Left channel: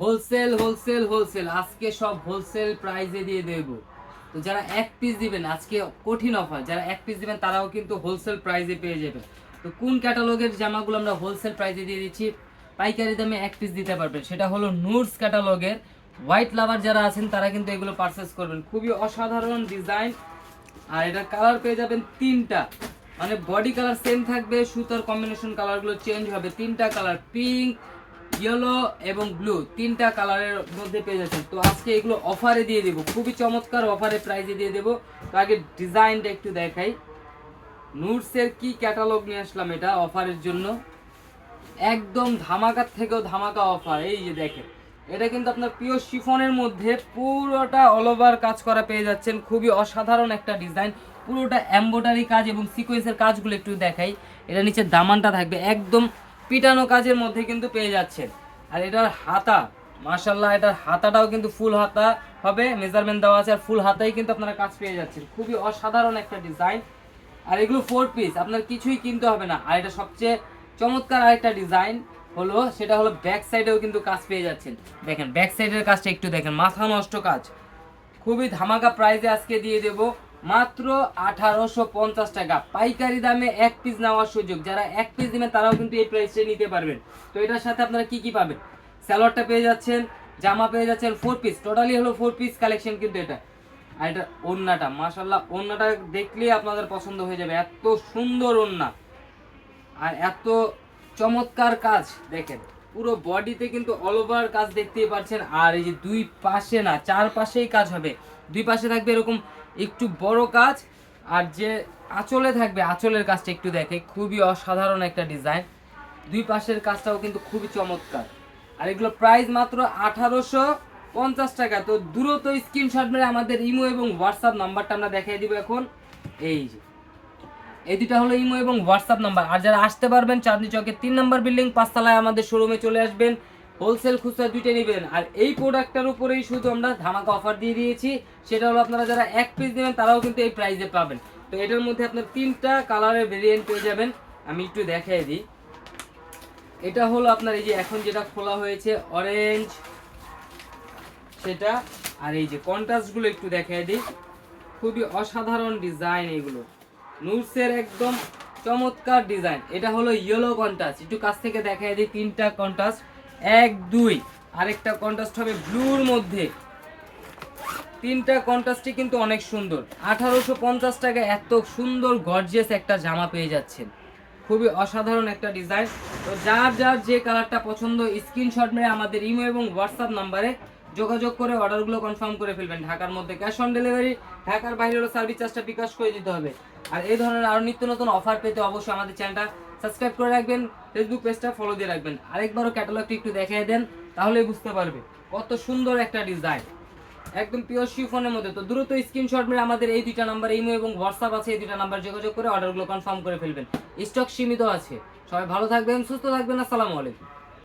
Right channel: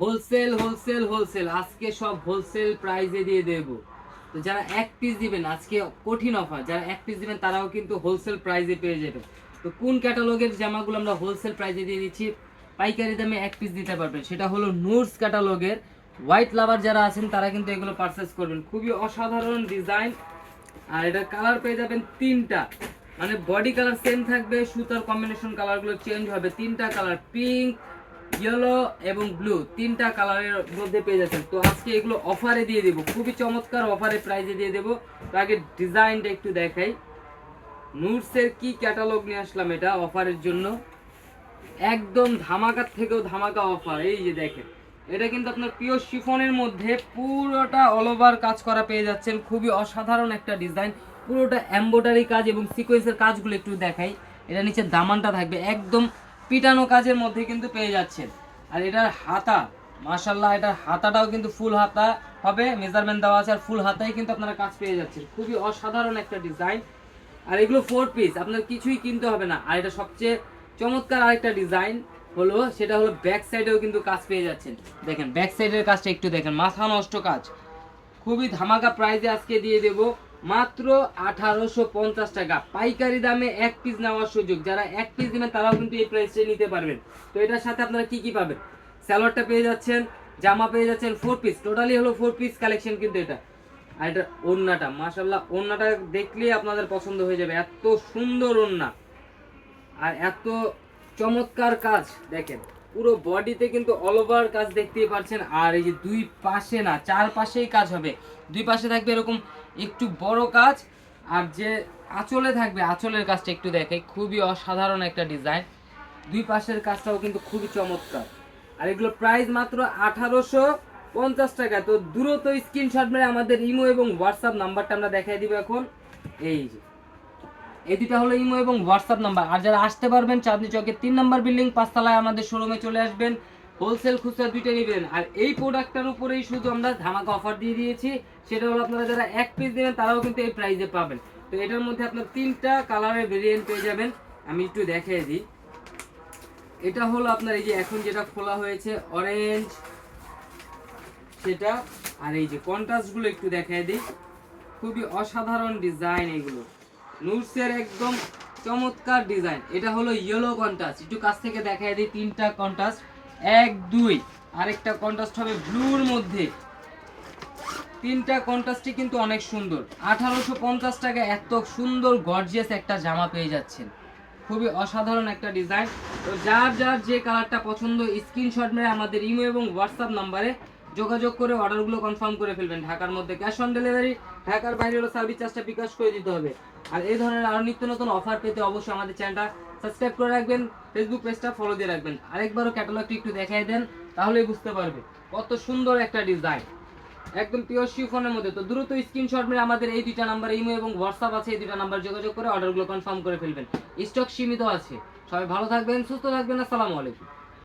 Wholesale wholesale wholesale আজকে সব wholesale প্রাইসে দিয়ে দেব। তো যারা এক পিস দিবেন আজকে কঠিন অফার, যারা এক পিস দিবেন তারাও কিন্তু হোলসেল প্রাইসে পেয়ে যাবেন। তো কোন ক্যাটালগের জামাগুলো আমরা হোলসেল প্রাইসে দিয়ে দিচ্ছি, পাইকারি দামে এক পিস দিতে পারবেন, সেটা হলো নুটস ক্যাটালগের। হোয়াইট লাভার যারা আছেন তারা কিন্তু এগুলো পারচেস করবেন, খুবই অসাধারণ ডিজাইন। আর এটার কালার পেয়ে যাবেন তিনটা, মানে বডি কালার সেম থাকবে, সুতার কম্বিনেশন কালারগুলো চেঞ্জ হবে। তিনটা কালার, পিঙ্ক, ইয়েলো এবং ব্লু, তিনটা কালারের মধ্যে পেয়ে যাচ্ছেন। তো আজকে এগুলো অফারে দিয়ে দেবো, খুবই চমৎকার অফারে প্রাইসে দিয়ে দেবো। তো আগে ডিজাইনটা একটু দেখাই। নুটসের কি ক্যাটালগ নিয়ে আসলাম এটা অফারের জন্য, একদম ধামাকার থেকেও ধামাকা অফার। এই যে দেখেন, এটা কিন্তু আপনার পিওর শিফনের মধ্যে পুরোটা অল ওভার কাজ করা পেয়ে যাচ্ছেন, খুবই অসাধারণ একটা ডিজাইন। পুরোটা এমব্রয়ডারি কাজ এবং সিকোয়েন্সের কাজগুলো একটু দেখাই। এটা নিচে দামানটা থাকবে একদম পিটানো কাজের মধ্যে কিন্তু পেয়ে যাচ্ছেন। আর এটার হাতা, মাশাল্লাহ, এটার হাতাটাও কিন্তু ফুল হাতা হবে, মেজারমেন্ট দেওয়া আছে, আর ফুল হাতাই কিন্তু আপনারা কাজ পেয়ে যাচ্ছেন। খুবই অসাধারণ একটা ডিজাইন। আর এগুলো 4 পিস, আপনার কিছুই কিনতে হবে না। আর এটা সবচেয়ে চমৎকার আরেকটা ডিজাইন হলো, সেটা হলো ব্যাক সাইডেও কিন্তু কাজ পেয়ে যাচ্ছেন। দেখেন ব্যাক সাইডের কাজটা একটু দেখেন, মাথা নষ্ট কাজ। খুবই ধামাকা প্রাইসে আজকে দিয়ে দেব মাত্র 1850 টাকা, পাইকারি দামে এক পিস নেওয়ার সুযোগ। যারা এক পিস দিবেন তারাও কিন্তু এই প্রাইসে নিতে পারবেন। তো এটার সাথে আপনারা কি কি পাবেন, স্যালোয়ারটা পেয়ে যাচ্ছেন, জামা পেয়ে যাচ্ছেন 4 পিস, টোটালি হলো 4 পিস কালেকশন কিন্তু এটা। আর এটা ওড়নাটা, মাশাল্লাহ, ওড়নাটা দেখলেই আপনাদের পছন্দ হয়ে যাবে, এত সুন্দর ওড়না আর এত চমৎকার কাজ। দেখেন পুরো বডিতে কিন্তু অল ওভার কাজ দেখতেই পাচ্ছেন। আর এই যে দুই পাশে না, চার পাশেই কাজ হবে, দুই পাশে থাকবে এরকম একটু বড় কাজ। আর যে আঁচলে থাকবে, আঁচলের কাজটা একটু দেখে, খুবই অসাধারণ একটা ডিজাইন। দুই পাশের কাজটাও কিন্তু খুবই চমৎকার। আর এগুলো প্রাইস মাত্র 1850 টাকা। তো দ্রুত স্ক্রিনশট মেরে আমাদের ইমো এবং হোয়াটসঅ্যাপ নাম্বারটা আমরা দেখিয়ে দিব এখন। এই যে এই দুটা হলো ইমো এবং হোয়াটসঅ্যাপ নাম্বার। আর যারা আসতে পারবেন চাঁদনী চকের 3 নম্বর বিল্ডিং 5 তলায় আমাদের শোরুমে চলে আসবেন, হোলসেল খুচরা দুইটা নেবেন। আর এই প্রোডাক্টটার উপরেই শুধু আমরা ধামাকা অফার দিয়ে দিয়েছি, সেটা হলো আপনারা যারা এক পিস দেবেন তারাও কিন্তু এই প্রাইসে পাবেন। তো এটার মধ্যে আপনার তিনটা কালারের ভেরিয়েন্ট পেয়ে যাবেন, আমি একটু দেখিয়ে দিই। এটা হলো আপনার এই যে এখন যেটা খোলা হয়েছে অরেঞ্জ সেটা, আর এই যে কন্ট্রাস্টগুলো একটু দেখিয়ে দিই, খুবই অসাধারণ ডিজাইন এগুলো, নুটসের একদম চমৎকার ডিজাইন। এটা হলো ইয়েলো কন্ট্রাস্ট, একটু কাছ থেকে দেখাই দিই। তিনটা কন্ট্রাস্ট, 1 2, আরেকটা কন্ট্রাস্ট হবে ব্লুর মধ্যে। তিনটা কন্ট্রাস্টই কিন্তু অনেক সুন্দর। 1850 টাকা এত সুন্দর গর্জিয়াস একটা জামা পেয়ে যাচ্ছেন, খুবই অসাধারণ একটা ডিজাইন। তো যার যার যে কালারটা পছন্দ স্ক্রিনশট মেরে আমাদের ইমো এবং হোয়াটসঅ্যাপ নাম্বারে যোগাযোগ করে অর্ডারগুলো কনফার্ম করে ফেলবেন। ঢাকার মধ্যে ক্যাশ অন ডেলিভারি, ঢাকার বাইরে হলো সার্ভিস চার্জটা বিকাশ করে দিতে হবে। আর এই ধরনের আরও নিত্য নতুন অফার পেতে অবশ্যই আমাদের চ্যানেলটা সাবস্ক্রাইব করে রাখবেন, ফেসবুক পেজটা ফলো দিয়ে রাখবেন। আরেকবারও ক্যাটালগটি একটু দেখাই দেন, তাহলেই বুঝতে পারবে কত সুন্দর একটা ডিজাইন, একদম পিওর শিফনের মধ্যে। তো দ্রুত স্ক্রিনশট মেরে আমাদের এই দুইটা নাম্বার ইমো এবং হোয়াটসঅ্যাপ আছে, এই দুইটা নাম্বার যোগাযোগ করে অর্ডারগুলো কনফার্ম করে ফেলবেন। স্টক সীমিত আছে। সবাই ভালো থাকবেন, সুস্থ থাকবেন, আসসালামু আলাইকুম।